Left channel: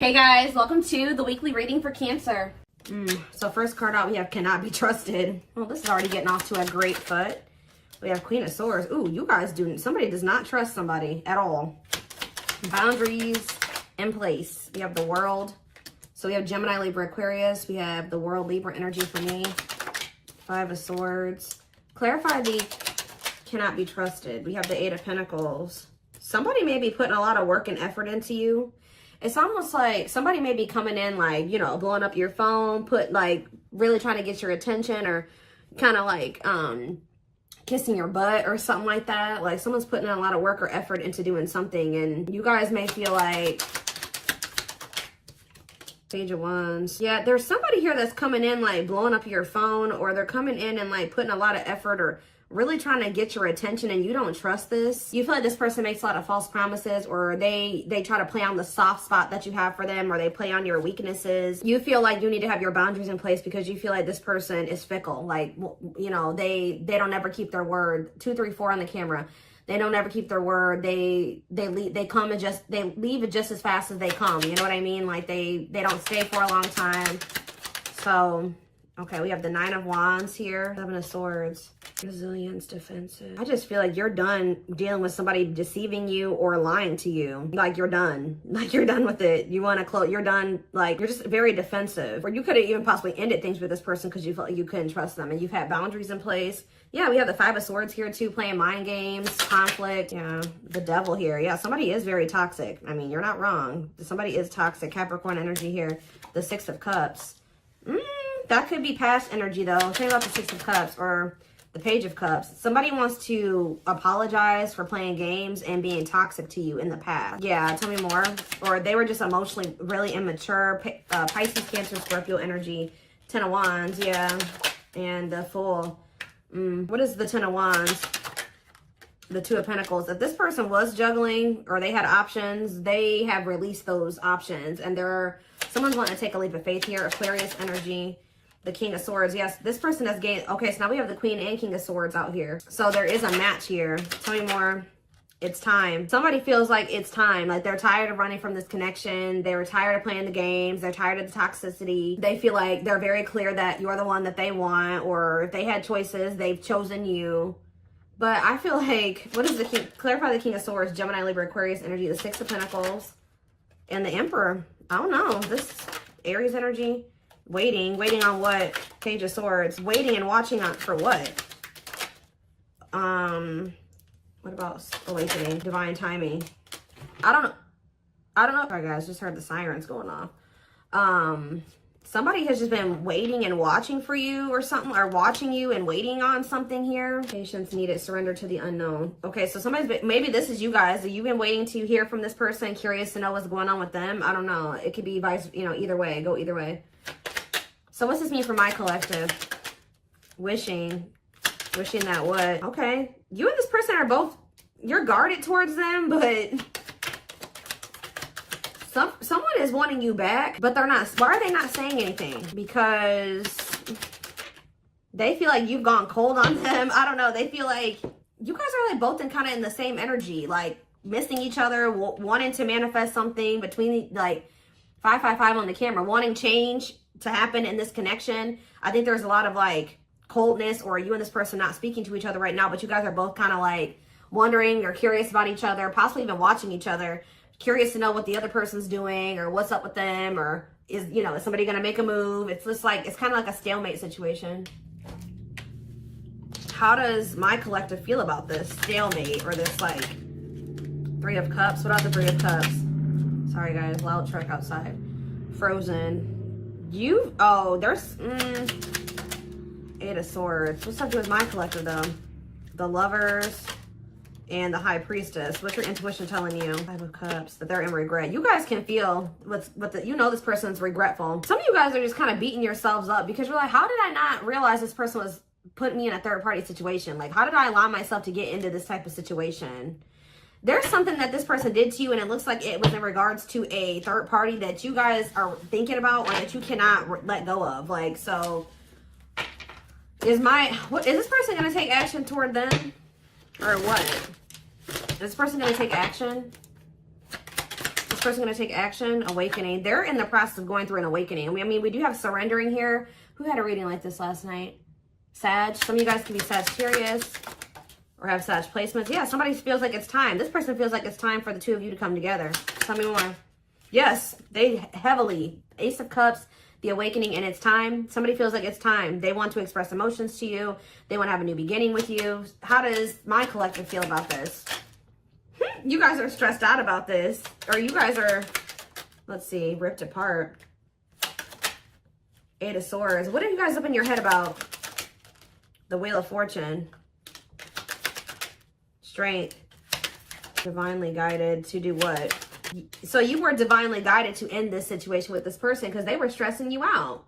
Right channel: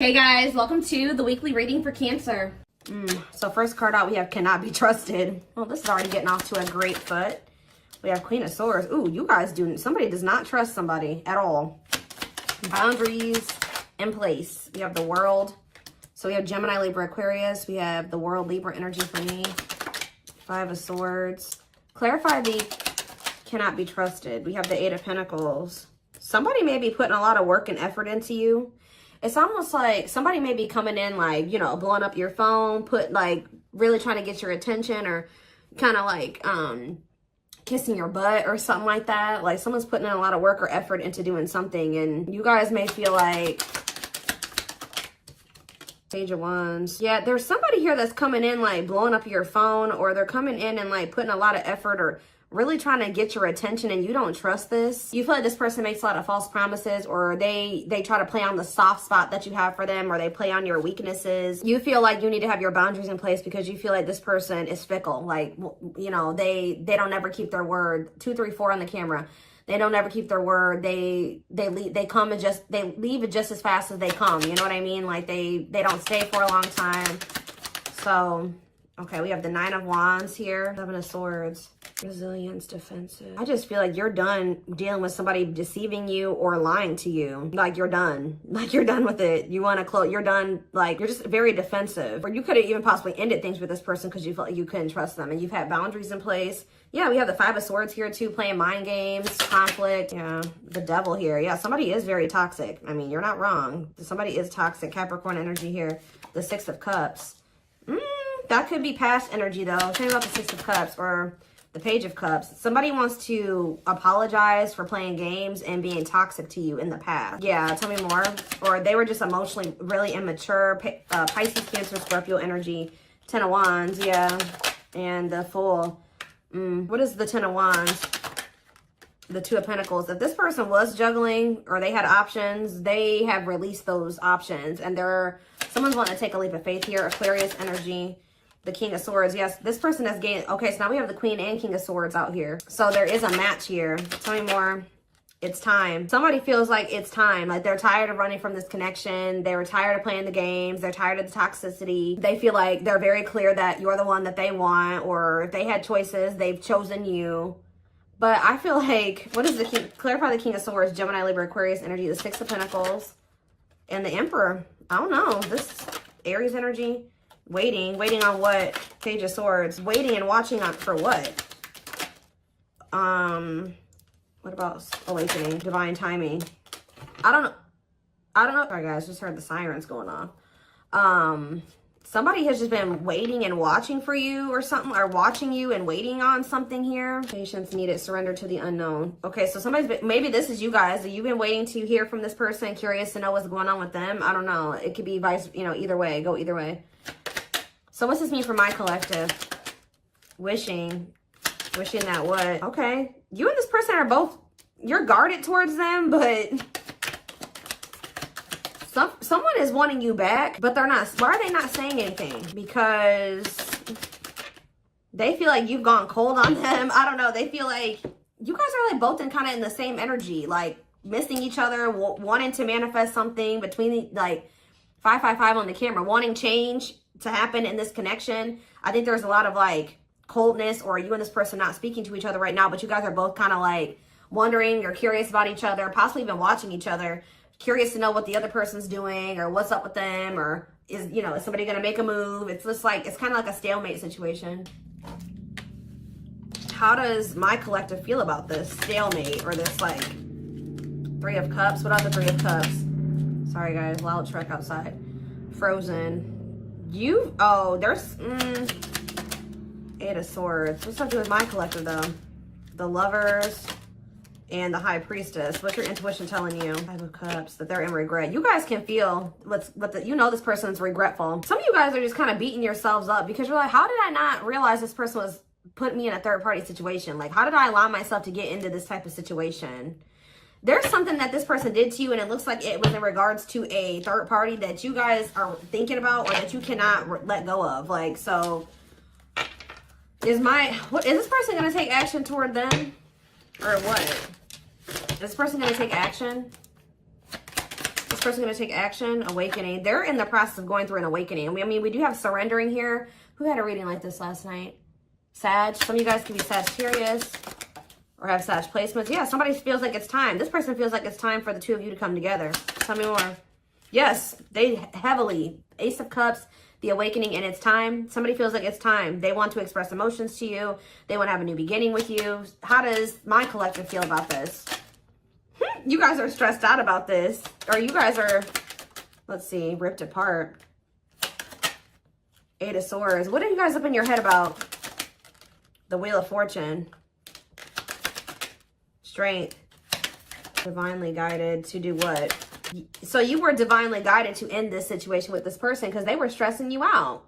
Hey guys, welcome to the weekly reading for Cancer. So first card out, we have cannot be trusted. Well, this is already getting off to a great foot. We have Queen of Swords. Ooh, you guys somebody does not trust somebody at all. Boundaries in place. We have the World. So we have Gemini, Libra, Aquarius. We have the World, Libra energy for me. Five of Swords. Clarify the cannot be trusted. We have the Eight of Pentacles. Somebody may be putting a lot of work and effort into you. It's almost like somebody may be coming in like, you know, blowing up your phone, really trying to get your attention, or kind of like kissing your butt or something like that. Like someone's putting in a lot of work or effort into doing something, and you guys may feel like Page of Wands. Yeah, there's somebody here that's coming in like blowing up your phone, or they're coming in and like putting a lot of effort or really trying to get your attention, and you don't trust this. You feel like this person makes a lot of false promises, or they try to play on the soft spot that you have for them, or they play on your weaknesses. You feel like you need to have your boundaries in place because you feel like this person is fickle. Like, you know, they don't ever keep their word. 2, 3, 4 on the camera. They don't ever keep their word. They leave it just as fast as they come. You know what I mean? Like they don't stay for a long time. So, okay, we have the Nine of Wands here. Seven of Swords. Resilience, defensive. I just feel like you're done dealing with somebody deceiving you or lying to you. Like you're done. Like you're done with it. You want to close. You're done. Like you're just very defensive. Or you could have even possibly ended things with this person because you felt like you couldn't trust them, and you've had boundaries in place. Yeah, we have the Five of Swords here too, playing mind games, conflict. Yeah, the Devil here. Yeah, somebody is very toxic. I mean, you're not wrong. Somebody is toxic. Capricorn energy here. The Six of Cups. That could be past energy though. Tell me about the Six of Cups or the Page of Cups. Somebody wants to apologize for playing games and being toxic to you in the past. Yeah, tell me more. Or they were just emotionally really immature. Pisces, Cancer, Scorpio energy. Ten of Wands, yeah. And the Fool. What is the Ten of Wands? The Two of Pentacles. If this person was juggling or they had options, they have released those options. And someone's going to take a leap of faith here. Aquarius energy. The King of Swords. Yes, this person has gained. Okay, so now we have the Queen and King of Swords out here. So there is a match here. Tell me more. It's time. Somebody feels like it's time. Like they're tired of running from this connection. They were tired of playing the games. They're tired of the toxicity. They feel like they're very clear that you're the one that they want, or if they had choices, they've chosen you. But I feel like, what is the King? Clarify the King of Swords, Gemini, Libra, Aquarius energy, the Six of Pentacles, and the Emperor. I don't know. This Aries energy. Waiting on what? Page of Swords. Waiting and watching for what? What about awakening? Divine timing. I don't know. Sorry guys, just heard the sirens going on. Somebody has just been waiting and watching for you or something, or watching you and waiting on something here. Patience needed, surrender to the unknown. Okay, so maybe this is you guys. You've been waiting to hear from this person, curious to know what's going on with them. I don't know. It could be either way. Go either way. So what's this mean for my collective? Wishing that what? Okay. You and this person are both, you're guarded towards them, but someone is wanting you back, but they're not. Why are they not saying anything? Because they feel like you've gone cold on them. I don't know. They feel like you guys are like both kind of in the same energy, like missing each other, wanting to manifest something between like 555 on the camera, wanting change to happen in this connection. I think there's a lot of like coldness, or you and this person not speaking to each other right now, but you guys are both kind of like wondering or curious about each other, possibly even watching each other, curious to know what the other person's doing or what's up with them, or is somebody going to make a move? It's just like, it's kind of like a stalemate situation. How does my collective feel about this stalemate, or this like Three of Cups? What are the Three of Cups? Sorry guys, loud truck outside. Frozen. There's Eight of Swords. What's up with my collective though? The Lovers and the High Priestess. What's your intuition telling you? Five of Cups, that they're in regret. You guys can feel this person's regretful. Some of you guys are just kind of beating yourselves up because you're like, how did I not realize this person was putting me in a third party situation? Like, how did I allow myself to get into this type of situation? There's something that this person did to you, and it looks like it was in regards to a third party that you guys are thinking about, or that you cannot let go of. Like, so is this person going to take action toward them, or what? Is this person going to take action? this person going to take action? Awakening. They're in the process of going through an awakening. I mean, we do have surrendering here. Who had a reading like this last night? Sag. Some of you guys can be Sagittarius or have Sag placements. Yeah, somebody feels like it's time. This person feels like it's time for the two of you to come together. Tell me more. Yes, they heavily. Ace of Cups, the awakening, and it's time. Somebody feels like it's time. They want to express emotions to you. They want to have a new beginning with you. How does my collective feel about this? You guys are stressed out about this. Or you guys are, let's see, ripped apart. Eight of Swords. What are you guys up in your head about? The Wheel of Fortune. Straight. Divinely guided to do what? So you were divinely guided to end this situation with this person because they were stressing you out.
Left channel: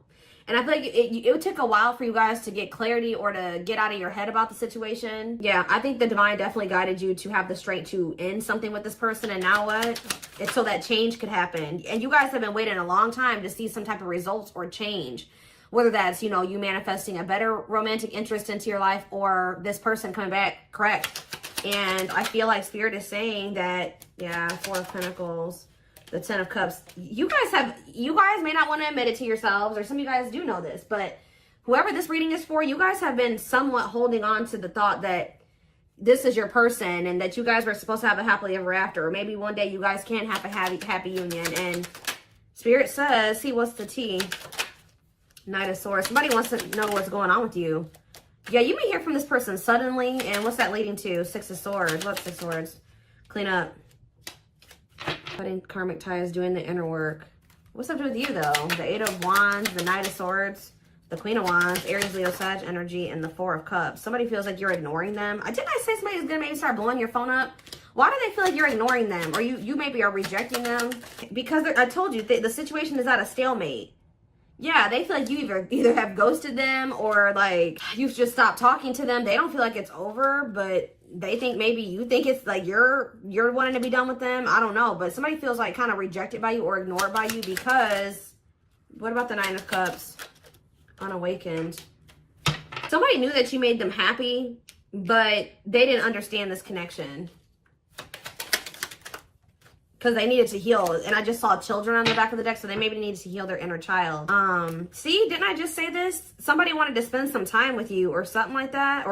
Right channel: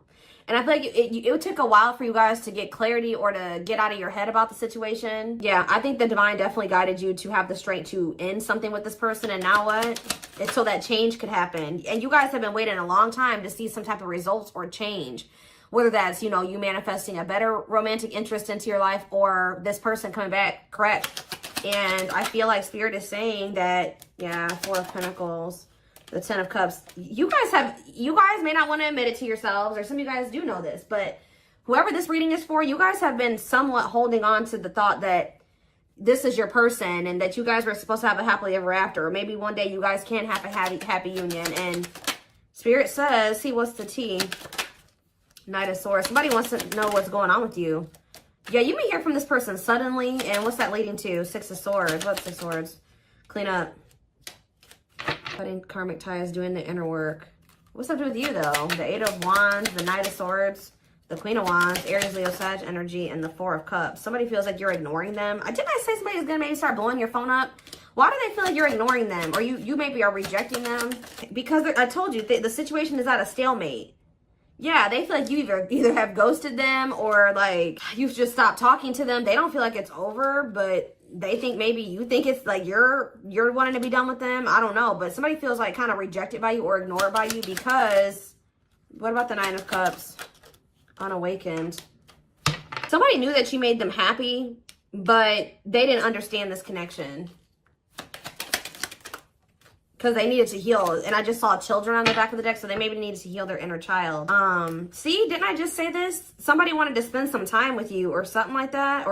And I feel like it took a while for you guys to get clarity or to get out of your head about the situation. Yeah, I think the divine definitely guided you to have the strength to end something with this person. And now what? It's so that change could happen. And you guys have been waiting a long time to see some type of results or change. Whether that's, you know, you manifesting a better romantic interest into your life or this person coming back correct. And I feel like Spirit is saying that, yeah, Four of Pentacles, the Ten of Cups. You guys may not want to admit it to yourselves, or some of you guys do know this, but whoever this reading is for, you guys have been somewhat holding on to the thought that this is your person and that you guys were supposed to have a happily ever after. Or maybe one day you guys can have a happy union. And Spirit says, see, what's the tea? Knight of Swords. Somebody wants to know what's going on with you. Yeah, you may hear from this person suddenly. And what's that leading to? Six of Swords. What's Six of Swords? Clean up. Cutting karmic ties, doing the inner work. What's up with you, though? The Eight of Wands, the Knight of Swords, the Queen of Wands, Aries, Leo, Sag energy, and the Four of Cups. Somebody feels like you're ignoring them. Didn't I say somebody is going to maybe start blowing your phone up? Why do they feel like you're ignoring them? Or you maybe are rejecting them? Because I told you, the situation is at a stalemate. Yeah, they feel like you either have ghosted them or like you've just stopped talking to them. They don't feel like it's over, but they think maybe you think it's like you're wanting to be done with them. I don't know, but somebody feels like kind of rejected by you or ignored by you because what about the Nine of Cups? Unawakened. Somebody knew that you made them happy, but they didn't understand this connection. Because they needed to heal. And I just saw children on the back of the deck. So they maybe needed to heal their inner child. See, didn't I just say this? Somebody wanted to spend some time with you or something like that.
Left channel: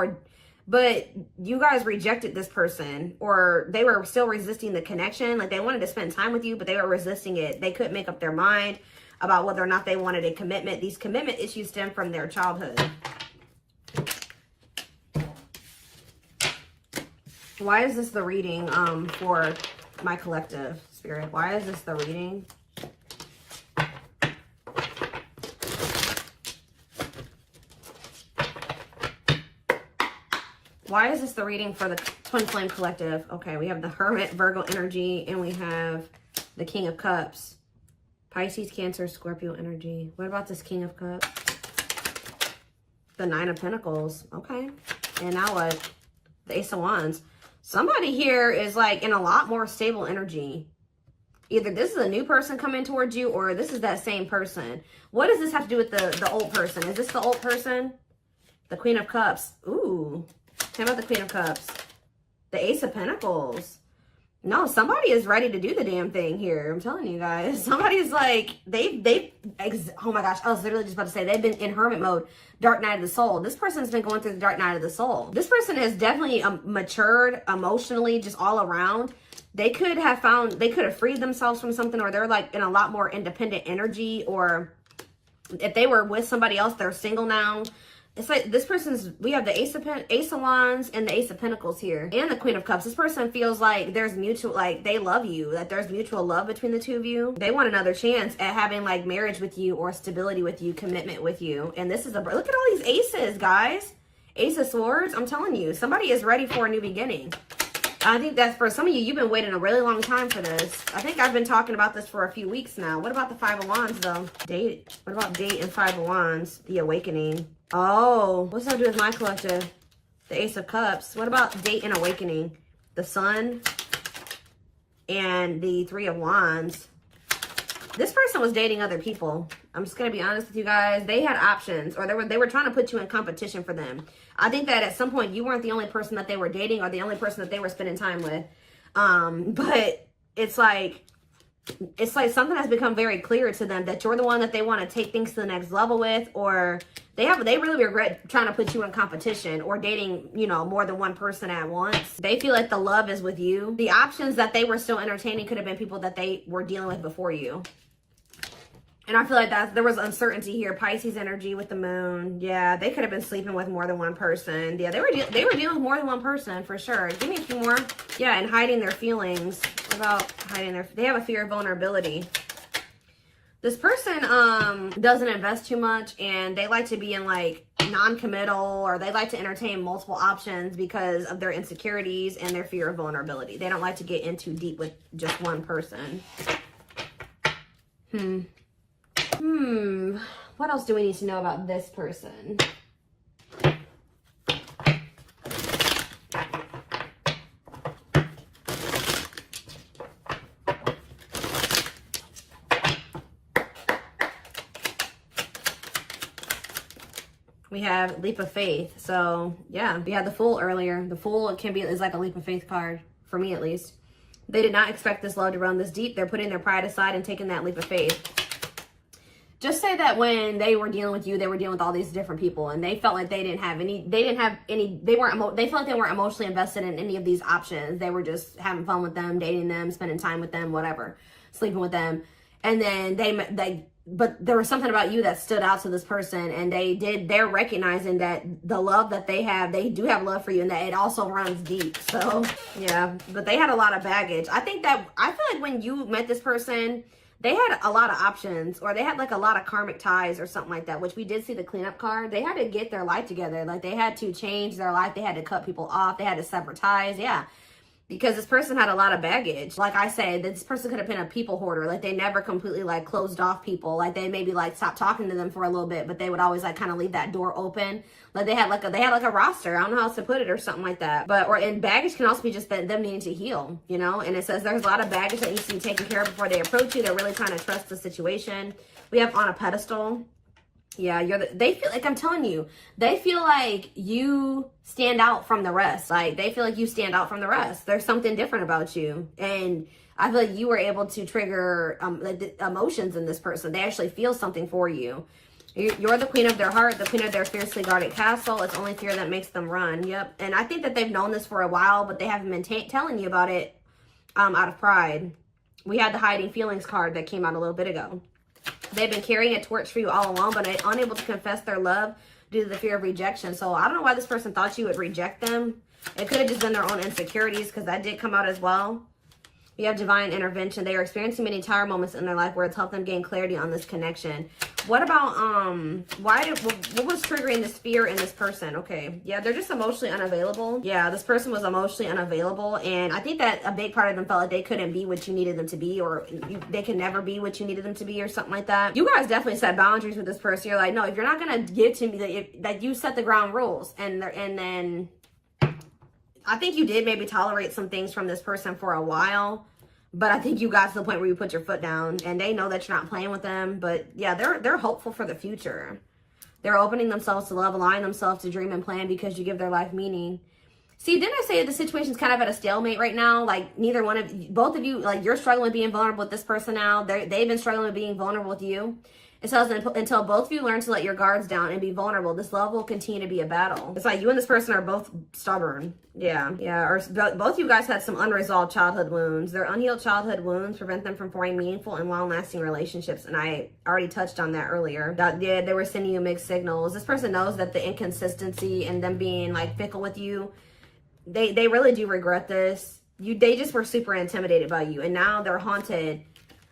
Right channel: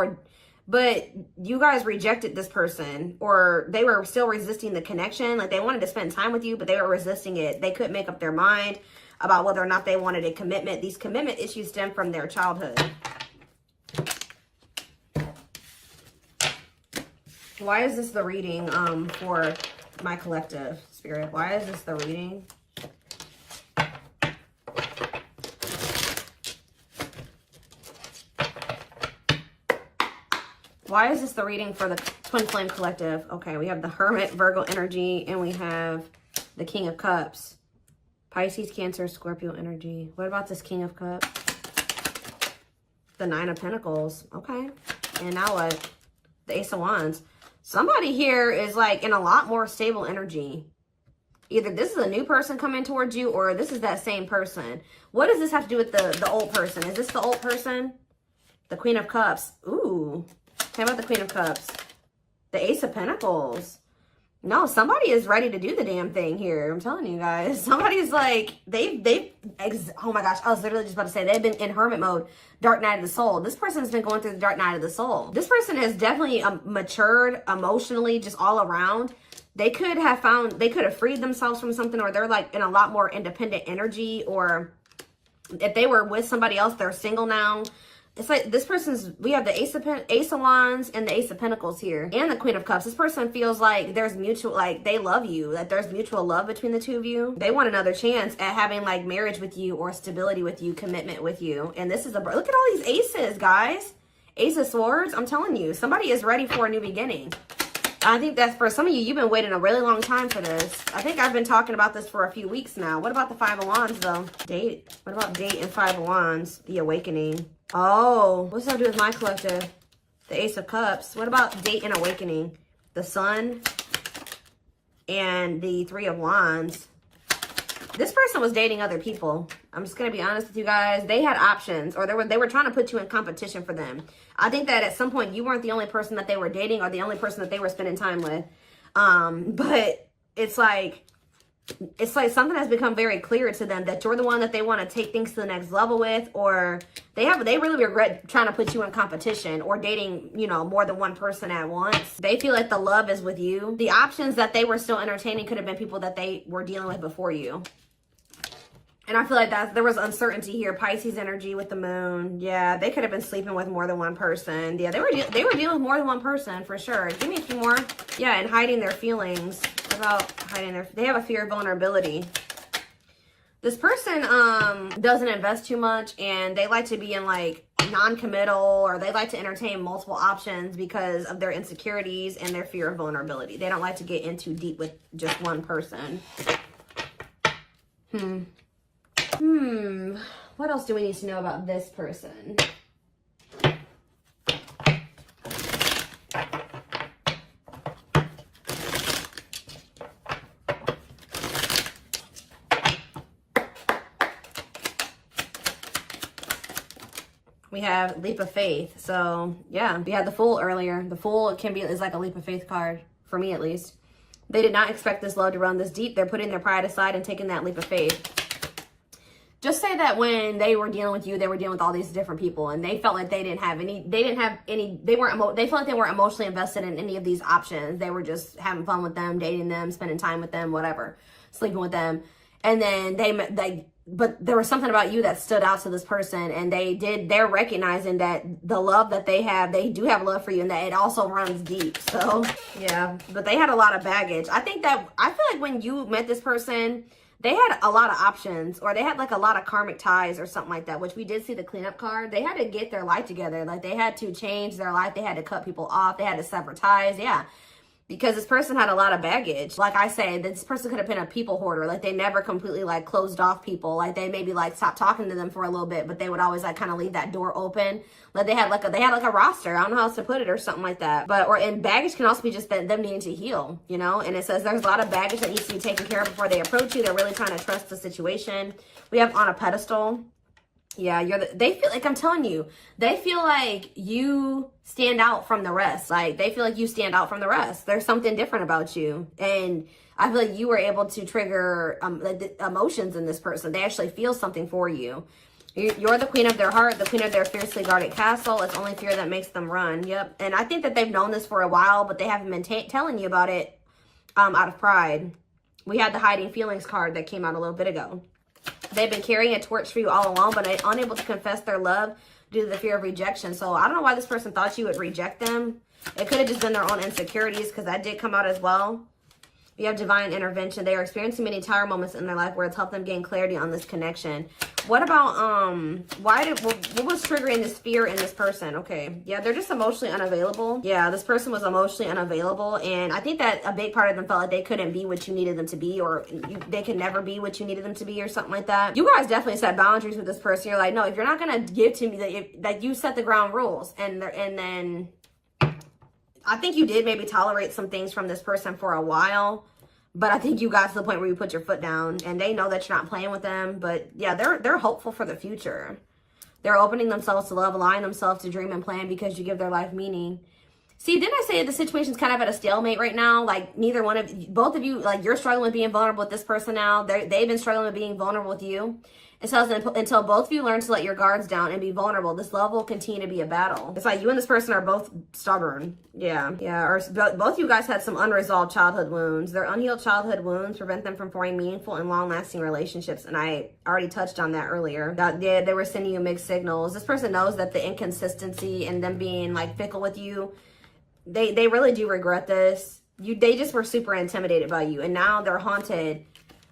But you guys rejected this person. Or they were still resisting the connection. Like they wanted to spend time with you, but they were resisting it. They couldn't make up their mind about whether or not they wanted a commitment. These commitment issues stem from their childhood. Why is this the reading for my collective, Spirit? Why is this the reading? Why is this the reading for the Twin Flame Collective? Okay, we have the Hermit, Virgo energy, and we have the King of Cups. Pisces, Cancer, Scorpio energy. What about this King of Cups? The Nine of Pentacles. Okay. And now what? The Ace of Wands. Somebody here is like in a lot more stable energy. Either this is a new person coming towards you or this is that same person. What does this have to do with the old person? Is this the old person? The Queen of Cups. Ooh. How about the Queen of Cups? The Ace of Pentacles. No, somebody is ready to do the damn thing here. I'm telling you guys. Somebody's like, oh my gosh, I was literally just about to say, they've been in hermit mode, dark night of the soul. This person's been going through the dark night of the soul. This person has definitely matured emotionally, just all around. They could have freed themselves from something, or they're like in a lot more independent energy, or if they were with somebody else, they're single now. It's like this person's, we have the Ace of Wands and the Ace of Pentacles here. And the Queen of Cups. This person feels like there's mutual, like they love you. That there's mutual love between the two of you. They want another chance at having like marriage with you or stability with you, commitment with you. And this is look at all these aces, guys. Ace of Swords. I'm telling you, somebody is ready for a new beginning. I think that's for some of you, you've been waiting a really long time for this. I think I've been talking about this for a few weeks now. What about the Five of Wands though? Date. What about date and Five of Wands? The awakening. Oh, what's that do with my collective? The Ace of Cups. What about date and awakening? The Sun and the Three of Wands. This person was dating other people. I'm just going to be honest with you guys. They had options, or they were trying to put you in competition for them. I think that at some point you weren't the only person that they were dating or the only person that they were spending time with. But it's like it's like something has become very clear to them that you're the one that they want to take things to the next level with, or they really regret trying to put you in competition or dating, you know, more than one person at once. They feel like the love is with you. The options that they were still entertaining could have been people that they were dealing with before you. And I feel like there was uncertainty here. Pisces energy with the moon. Yeah, they could have been sleeping with more than one person. Yeah, they were dealing with more than one person for sure. Give me a few more. Yeah, and hiding their feelings. What about hiding they have a fear of vulnerability. This person doesn't invest too much, and they like to be in like non-committal, or they like to entertain multiple options because of their insecurities and their fear of vulnerability. They don't like to get in too deep with just one person. What else do we need to know about this person? We have leap of faith. So yeah, we had the Fool earlier. The Fool is like a leap of faith card, for me at least. They did not expect this love to run this deep. They're putting their pride aside and taking that leap of faith. Just say that when they were dealing with you, they were dealing with all these different people, and they felt like they felt like they weren't emotionally invested in any of these options. They were just having fun with them, dating them, spending time with them, whatever, sleeping with them. And then but there was something about you that stood out to this person, and they're recognizing that the love that they do have love for you, and that it also runs deep. So yeah, but they had a lot of baggage. I feel like when you met this person, they had a lot of options, or they had like a lot of karmic ties or something like that, which we did see the cleanup card. They had to get their life together. Like, they had to change their life. They had to cut people off. They had to sever ties. Yeah. Because this person had a lot of baggage. Like I said, this person could have been a people hoarder. Like, they never completely like closed off people. Like, they maybe like stopped talking to them for a little bit, but they would always like kind of leave that door open. Like, they had like a roster. I don't know how else to put it, or something like that. And baggage can also be just them needing to heal, you know? And it says there's a lot of baggage that needs to be taken care of before they approach you. They're really trying to trust the situation. We have on a pedestal. Yeah, they feel like, I'm telling you, they feel like you stand out from the rest. Like, they feel like you stand out from the rest. There's something different about you. And I feel like you were able to trigger like the emotions in this person. They actually feel something for you. You're the queen of their heart, the queen of their fiercely guarded castle. It's only fear that makes them run. Yep. And I think that they've known this for a while, but they haven't been telling you about it out of pride. We had the hiding feelings card that came out a little bit ago. They've been carrying a torch for you all along, but unable to confess their love due to the fear of rejection. So I don't know why this person thought you would reject them. It could have just been their own insecurities, because that did come out as well. You have divine intervention. They are experiencing many tire moments in their life where it's helped them gain clarity on this connection. What about, what was triggering this fear in this person? Okay. Yeah, they're just emotionally unavailable. Yeah, this person was emotionally unavailable. And I think that a big part of them felt like they couldn't be what you needed them to be, or they could never be what you needed them to be, or something like that. You guys definitely set boundaries with this person. You're like, no, if you're not going to give to me, that you set the ground rules. And then I think you did maybe tolerate some things from this person for a while, but I think you got to the point where you put your foot down, and they know that you're not playing with them. But yeah, they're hopeful for the future. They're opening themselves to love, allowing themselves to dream and plan because you give their life meaning. See, didn't I say that the situation's kind of at a stalemate right now? Like, both of you, like, you're struggling with being vulnerable with this person now. They've been struggling with being vulnerable with you. It says that until both of you learn to let your guards down and be vulnerable, this love will continue to be a battle. It's like you and this person are both stubborn. Yeah. Yeah. Or both of you guys had some unresolved childhood wounds. Their unhealed childhood wounds prevent them from forming meaningful and long-lasting relationships. And I already touched on that earlier. Yeah, they were sending you mixed signals. This person knows that the inconsistency and them being like fickle with you, they really do regret this. They just were super intimidated by you. And now they're haunted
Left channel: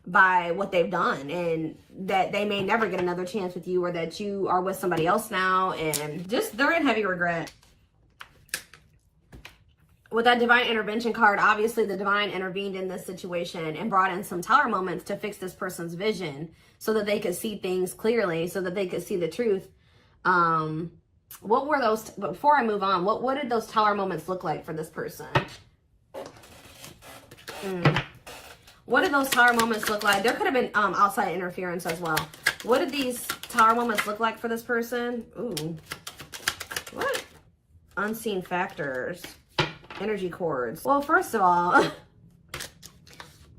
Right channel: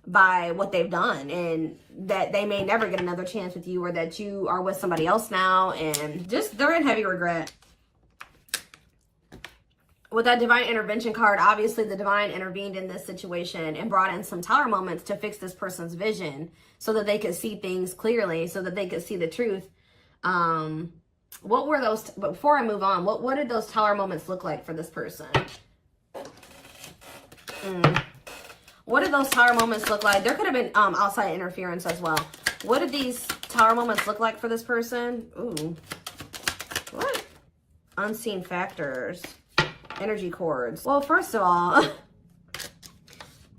by what they've done, and that they may never get another chance with you, or that you are with somebody else now, and just they're in heavy regret. With that divine intervention card, obviously the divine intervened in this situation and brought in some tower moments to fix this person's vision so that they could see things clearly, so that they could see the truth. What were those, before I move on, what did those tower moments look like for this person? What did those tower moments look like? There could have been outside interference as well. What did these tower moments look like for this person? Ooh. What? Unseen factors. Energy cords. Well, first of all,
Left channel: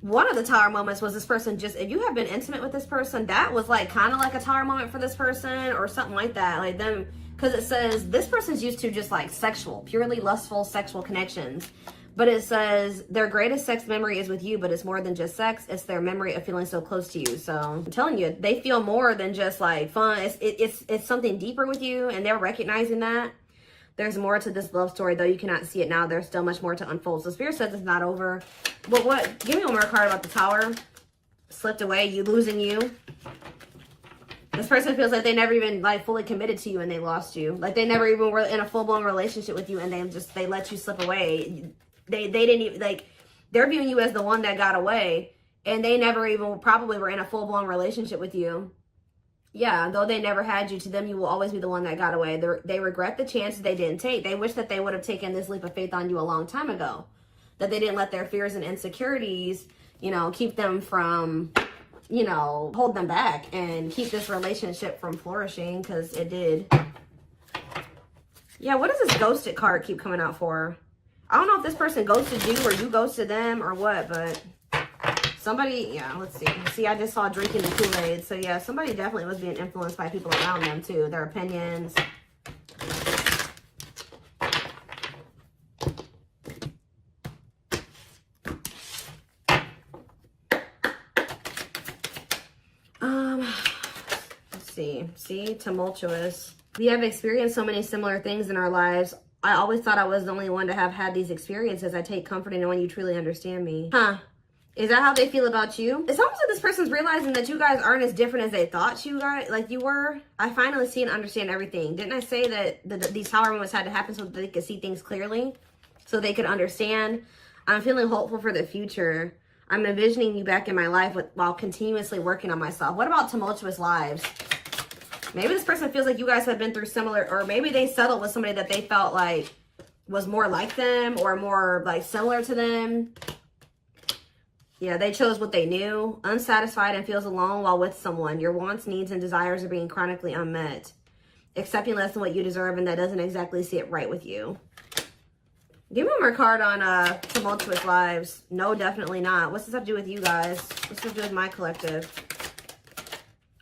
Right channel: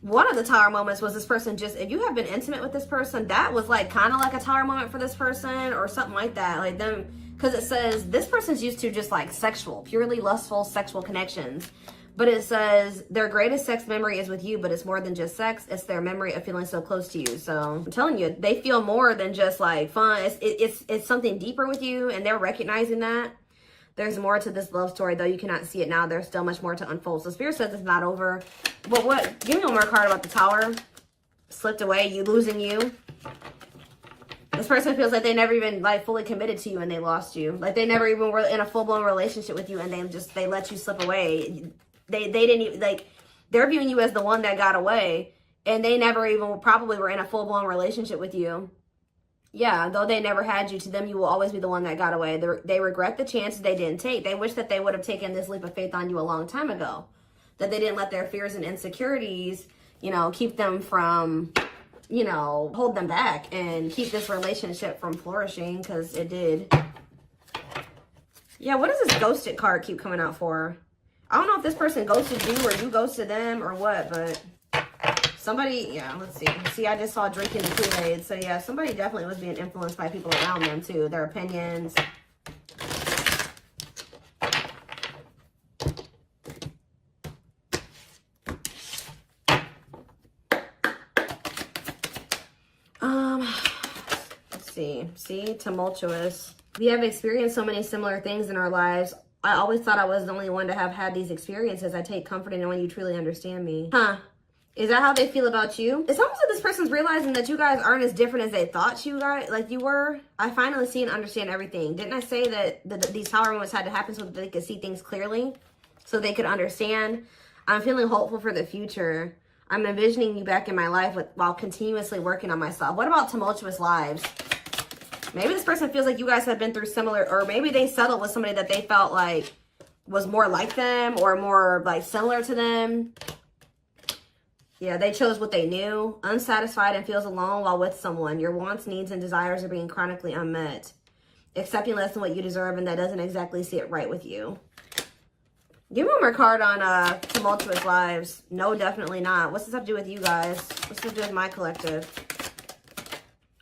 One of the tower moments was this person just, if you have been intimate with this person, that was like kind of like a tower moment for this person or something like that. Like them, because it says this person's used to just like sexual, purely lustful sexual connections. But it says their greatest sex memory is with you, but it's more than just sex. It's their memory of feeling so close to you. So I'm telling you, they feel more than just like fun. It's something deeper with you, and they're recognizing that. There's more to this love story, though you cannot see it now. There's still much more to unfold. So Spirit says it's not over. But what? Give me one more card about the Tower. Slipped away. You losing you. This person feels like they never even like fully committed to you and they lost you. Like they never even were in a full-blown relationship with you and they let you slip away. They didn't even, like, they're viewing you as the one that got away, and they never even probably were in a full-blown relationship with you. Yeah, though they never had you, to them, you will always be the one that got away. They regret the chances they didn't take. They wish that they would have taken this leap of faith on you a long time ago. That they didn't let their fears and insecurities, you know, keep them from, you know, hold them back and keep this relationship from flourishing, because it did. Yeah, what does this ghosted card keep coming out for? I don't know if this person ghosted you or you ghosted them or what, but somebody, yeah, let's see. See, I just saw drinking the Kool-Aid. So, yeah, somebody definitely was being influenced by people around them, too. Their opinions. Let's see. See, tumultuous. We have experienced so many similar things in our lives. I always thought I was the only one to have had these experiences. I take comfort in knowing you truly understand me. Huh. Is that how they feel about you? It's almost like this person's realizing that you guys aren't as different as they thought you guys, like you were. I finally see and understand everything. Didn't I say that these tower moments had to happen so that they could see things clearly? So they could understand? I'm feeling hopeful for the future. I'm envisioning you back in my life while continuously working on myself. What about tumultuous lives? Maybe this person feels like you guys have been through similar, or maybe they settled with somebody that they felt like was more like them or more like similar to them. Yeah, they chose what they knew. Unsatisfied and feels alone while with someone. Your wants, needs, and desires are being chronically unmet. Accepting less than what you deserve, and that doesn't exactly sit right with you. Give me one more card on tumultuous lives. No, definitely not. What's this have to do with you guys? What's this have to do with my collective?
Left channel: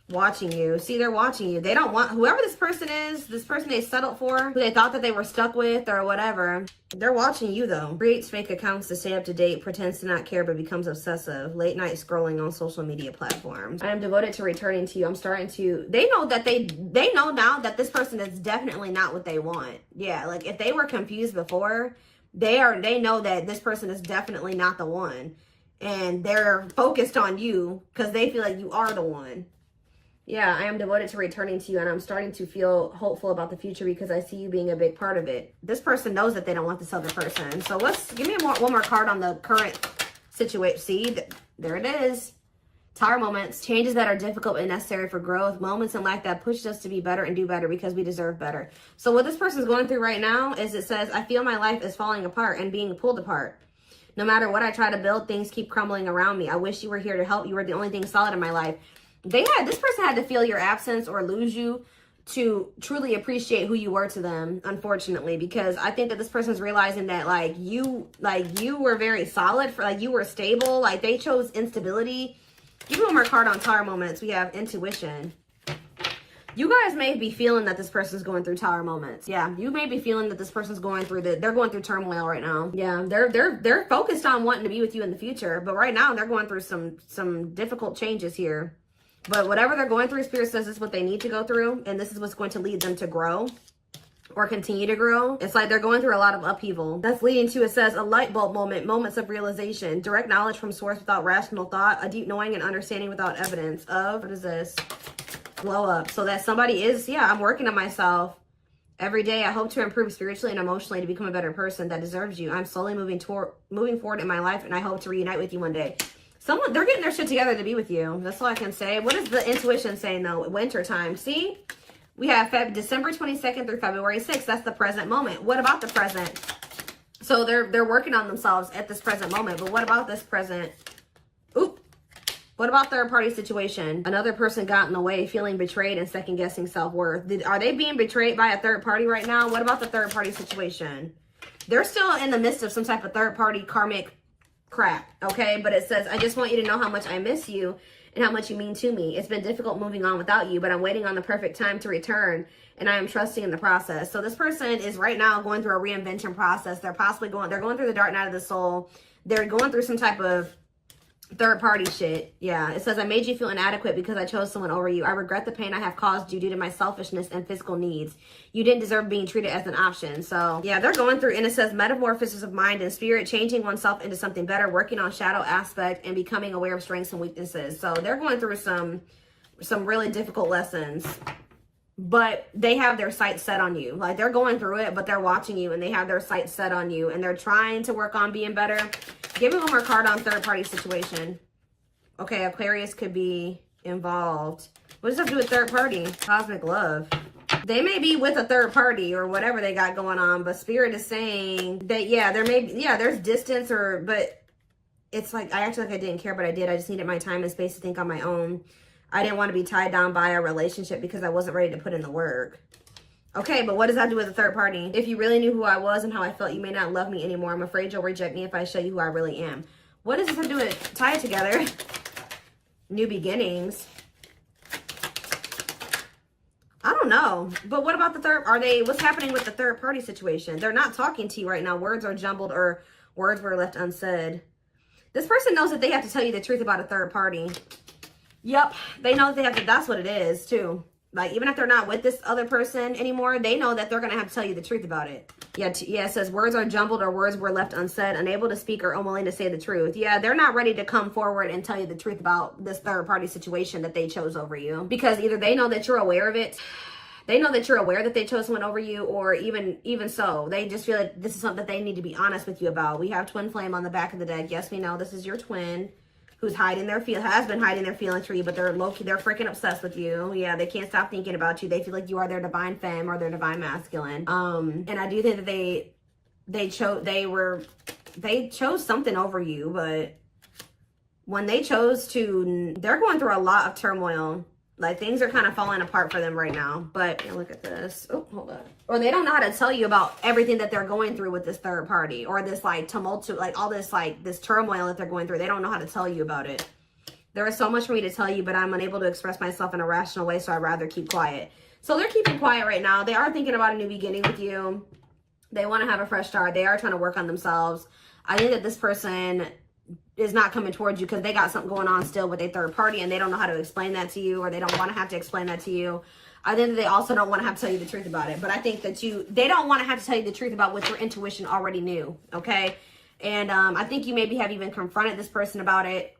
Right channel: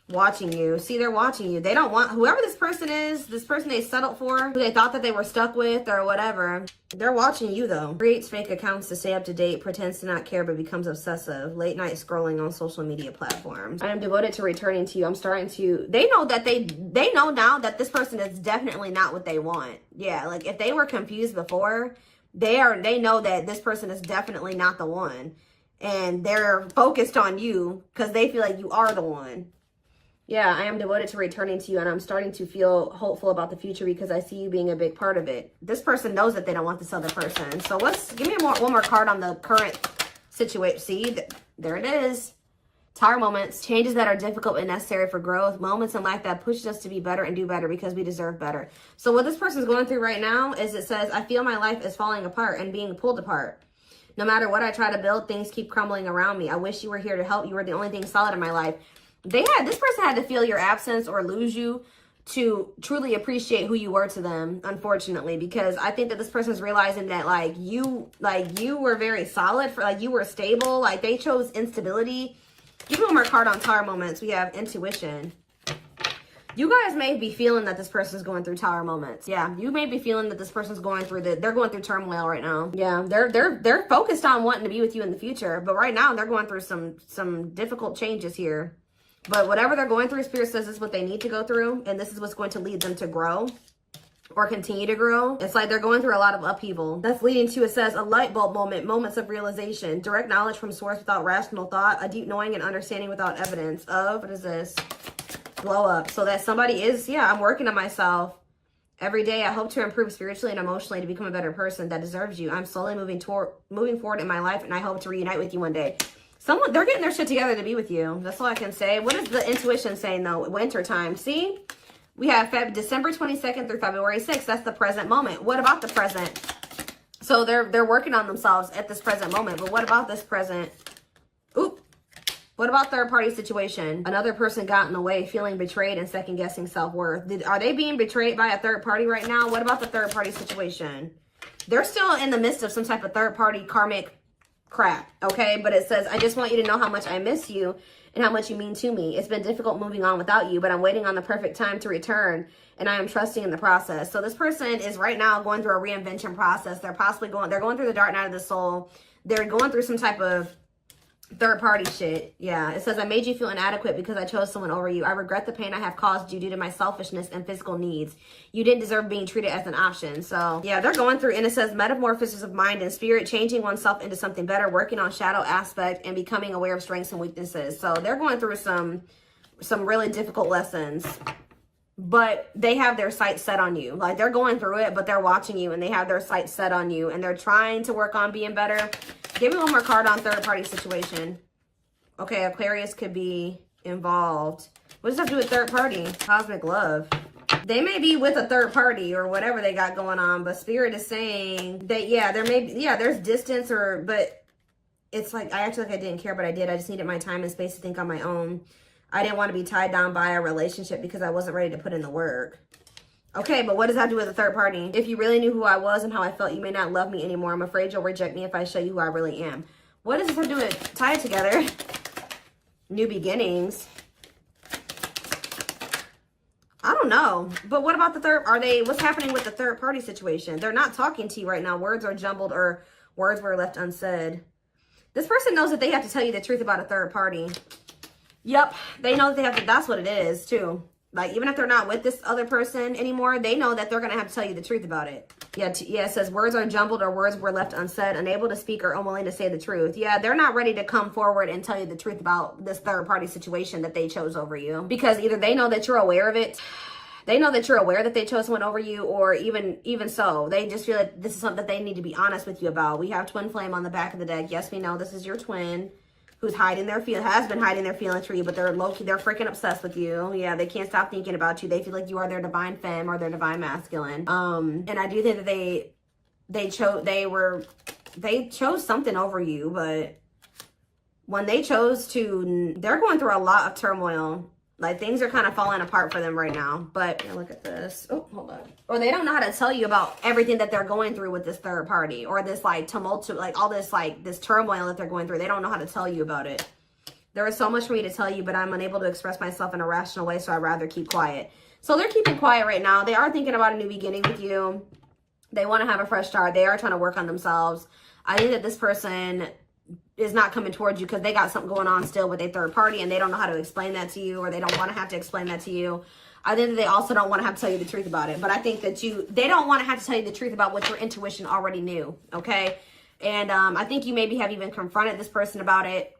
Watching you. See, they're watching you. They don't want, whoever this person is, this person they settled for, who they thought that they were stuck with or whatever, they're watching you though. Creates fake accounts to stay up to date, pretends to not care, but becomes obsessive. Late night scrolling on social media platforms. I am devoted to returning to you. I'm starting to, they know that they know now that this person is definitely not what they want. Yeah, like if they were confused before, they know that this person is definitely not the one. And they're focused on you because they feel like you are the one. Yeah, I am devoted to returning to you, and I'm starting to feel hopeful about the future because I see you being a big part of it. This person knows that they don't want this other person. So give me one more card on the current situation. See, there it is. Tower moments, changes that are difficult and necessary for growth, moments in life that push us to be better and do better because we deserve better. So what this person is going through right now is it says, I feel my life is falling apart and being pulled apart. No matter what I try to build, things keep crumbling around me. I wish you were here to help. You were the only thing solid in my life. This person had to feel your absence or lose you to truly appreciate who you were to them, unfortunately, because I think that this person's realizing that you were very solid, for you were stable, like they chose instability. Give me one more card on tower moments. We have intuition. You guys may be feeling that this person's going through tower moments. Yeah, you may be feeling that this person's going through they're going through turmoil right now. Yeah, they're focused on wanting to be with you in the future, but right now they're going through some difficult changes here. But whatever they're going through, Spirit says this is what they need to go through, and this is what's going to lead them to grow or continue to grow. It's like they're going through a lot of upheaval. That's leading to, it says, a light bulb moment, moments of realization, direct knowledge from source without rational thought, a deep knowing and understanding without evidence of, what is this? Glow up. So that somebody is, yeah, I'm working on myself. Every day, I hope to improve spiritually and emotionally to become a better person that deserves you. I'm slowly moving forward in my life, and I hope to reunite with you one day. They're getting their shit together to be with you. That's all I can say. What is the intuition saying though? Winter time. See, we have December 22nd through February 6th. That's the present moment. What about the present? So they're working on themselves at this present moment. But what about this present? Oop. What about third party situation? Another person got in the way, feeling betrayed and second guessing self-worth. Are they being betrayed by a third party right now? What about the third party situation? They're still in the midst of some type of third party karmic crap, okay? But it says, I just want you to know how much I miss you and how much you mean to me. It's been difficult moving on without you, but I'm waiting on the perfect time to return, and I am trusting in the process. So this person is right now going through a reinvention process. They're going through the dark night of the soul. They're going through some type of third party shit. Yeah, it says, I made you feel inadequate because I chose someone over you. I regret the pain I have caused you due to my selfishness and physical needs. You didn't deserve being treated as an option. So yeah, they're going through, and it says metamorphosis of mind and spirit, changing oneself into something better, working on shadow aspect and becoming aware of strengths and weaknesses. So they're going through some really difficult lessons, but they have their sights set on you. Like, they're going through it, but they're watching you, and they have their sights set on you, and they're trying to work on being better. Give me one more card on third party situation. Okay, Aquarius could be involved. What does that do with third party? Cosmic love. They may be with a third party or whatever they got going on, but Spirit is saying that, yeah, there's distance, but it's like, I actually like I didn't care, but I did. I just needed my time and space to think on my own. I didn't want to be tied down by a relationship because I wasn't ready to put in the work. Okay, but what does that do with a third party? If you really knew who I was and how I felt, you may not love me anymore. I'm afraid you'll reject me if I show you who I really am. What does this have to do with? Tie it together. New beginnings. I don't know. But what about the third? What's happening with the third party situation? They're not talking to you right now. Words are jumbled or words were left unsaid. This person knows that they have to tell you the truth about a third party. Yep, they know that they have to, that's what it is too. Like, even if they're not with this other person anymore, they know that they're going to have to tell you the truth about it. Yeah, it says words are jumbled or words were left unsaid, unable to speak or unwilling to say the truth. Yeah, they're not ready to come forward and tell you the truth about this third party situation that they chose over you. Because either they know that you're aware of it, they know that you're aware that they chose someone over you, or even so, they just feel like this is something that they need to be honest with you about. We have twin flame on the back of the deck. Yes, we know this is your twin who's has been hiding their feelings for you, but they're low-key, they're freaking obsessed with you. Yeah, they can't stop thinking about you. They feel like you are their divine femme or their divine masculine. And I do think that they chose something over you, but when they chose to, they're going through a lot of turmoil. Like, things are kind of falling apart for them right now. But look at this. Oh, hold on. Or they don't know how to tell you about everything that they're going through with this third party, or this like tumult, like all this like this turmoil that they're going through. They don't know how to tell you about it. There is so much for me to tell you, but I'm unable to express myself in a rational way, so I'd rather keep quiet. So they're keeping quiet right now. They are thinking about a new beginning with you. They want to have a fresh start. They are trying to work on themselves. I think that this person is not coming towards you because they got something going on still with a third party, and they don't know how to explain that to you, or they don't want to have to explain that to you. I think that they also don't want to have to tell you the truth about it, but I think that they don't want to have to tell you the truth about what your intuition already knew, okay? And I think you maybe have even confronted this person about it,